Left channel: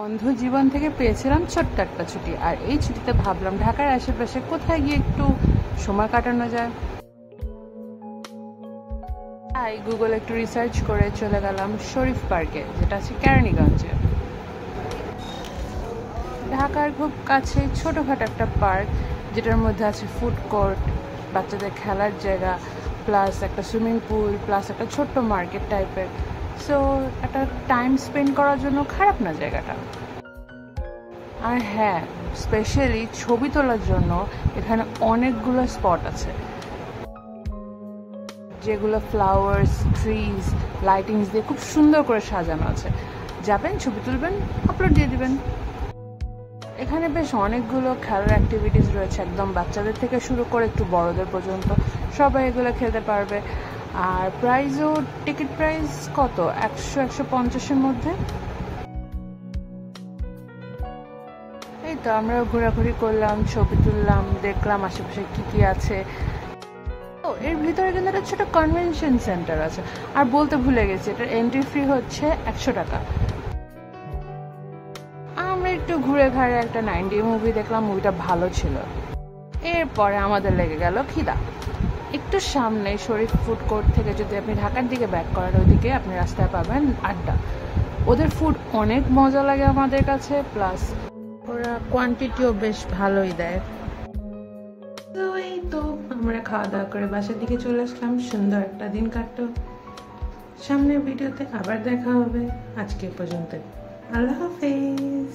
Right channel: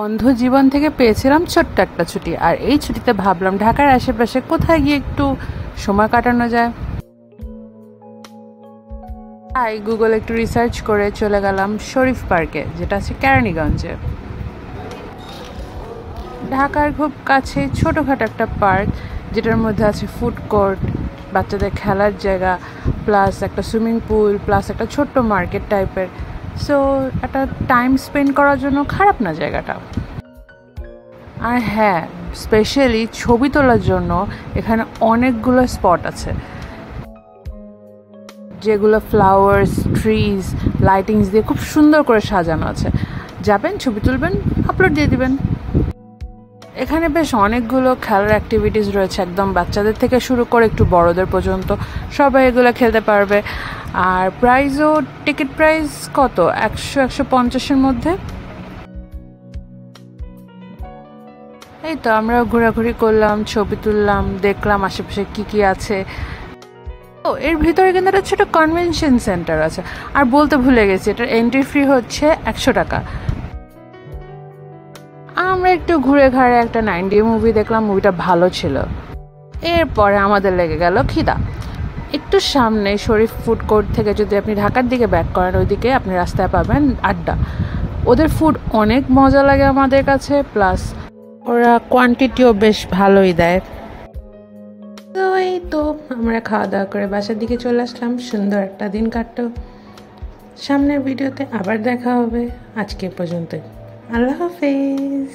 বন্ধ জীবন থেকে পেয়েছিলাম ছোট্ট একটা ছুটি, আর এই ছুটিতে ভাবলাম ঢাকার আশেপাশে কোথায় গিয়ে একটু সময় কাটানো যায়। তাই গুগল একটু রিসার্চ করে চলে গেলাম শরীফ পার্কে, যেটা আছে কেরানীগঞ্জে। ঢাকার খুব কাছে ছোটোখাটো একটা পার্ক, যেটার মধ্যে আছে ফুড কোর্ট, বাচ্চাদের খেলার জায়গা, প্লাস একটা সুইমিং পুল, প্লাস একটা ছোট্ট মার্কেট টাইপের। সো একটা টাইম স্পেন্ড করার জন্য খারাপ না জায়গাটা। আর হ্যাঁ, স্পেশালি ছবি তোলার জন্য এখানে অনেকগুলো স্পট আছে, যেগুলো ফ্লাওয়ার্স, ট্রিজ, লাইটিংস দিয়ে খুব সুন্দর করে সাজানো আছে। যাবেন, ছবি তুলবেন, আপলোড দিয়ে দিবেন। এখানে বেশ অনেকগুলো খেলার অ্যাক্টিভিটিস রয়েছে, একদম বাচ্চাদের থেকে শুরু করে একটু বড়দের পর্যন্ত সবাই এগুলো খেলতে পারবে। আর প্রাইসও, টিকিট প্রাইস কত, 100-150-এর মধ্যে। এই তো আমরা ঘোরাঘুরি করলাম, ছবি তুললাম, দেখলাম আশেপাশে কি কি আছে। ও, এর ভিতরে কিন্তু একটা ছোট কনভেনশন সেন্টার আছে। আর বলতে ভুলে গেছি, এটার এন্ট্রি ফি হচ্ছে 100 টাকা। আমরা একটু ঘুরে ঘাড়ে একটা 90 মুভি দেখলাম, মুভিটা ভালো ছিল। এরপরে আমাদের লেগে গেল খিদা। একটু সামনে শরীফ ফুড কোর্ট থেকে যদি আপনি ঢাকার দিকে ব্যাক করেন, ওইদিকে আপনি রাস্তায় পাবেন আড্ডা। ওদের ফুড অনেক মজা লাগে আমাদের কাছে, প্লাস ওরা কোয়ান্টিটিও বেশ ভালোই দেয়। তো এই তো আমরা খাওয়া দাওয়া করে বাসার দিকে চলে আসলাম। সুন্দর একটা দিন কাটলো। সামনের ভিডিওতে আবার দেখা হবে। আজকে পর্যন্ত, আল্লাহ হাফেজ।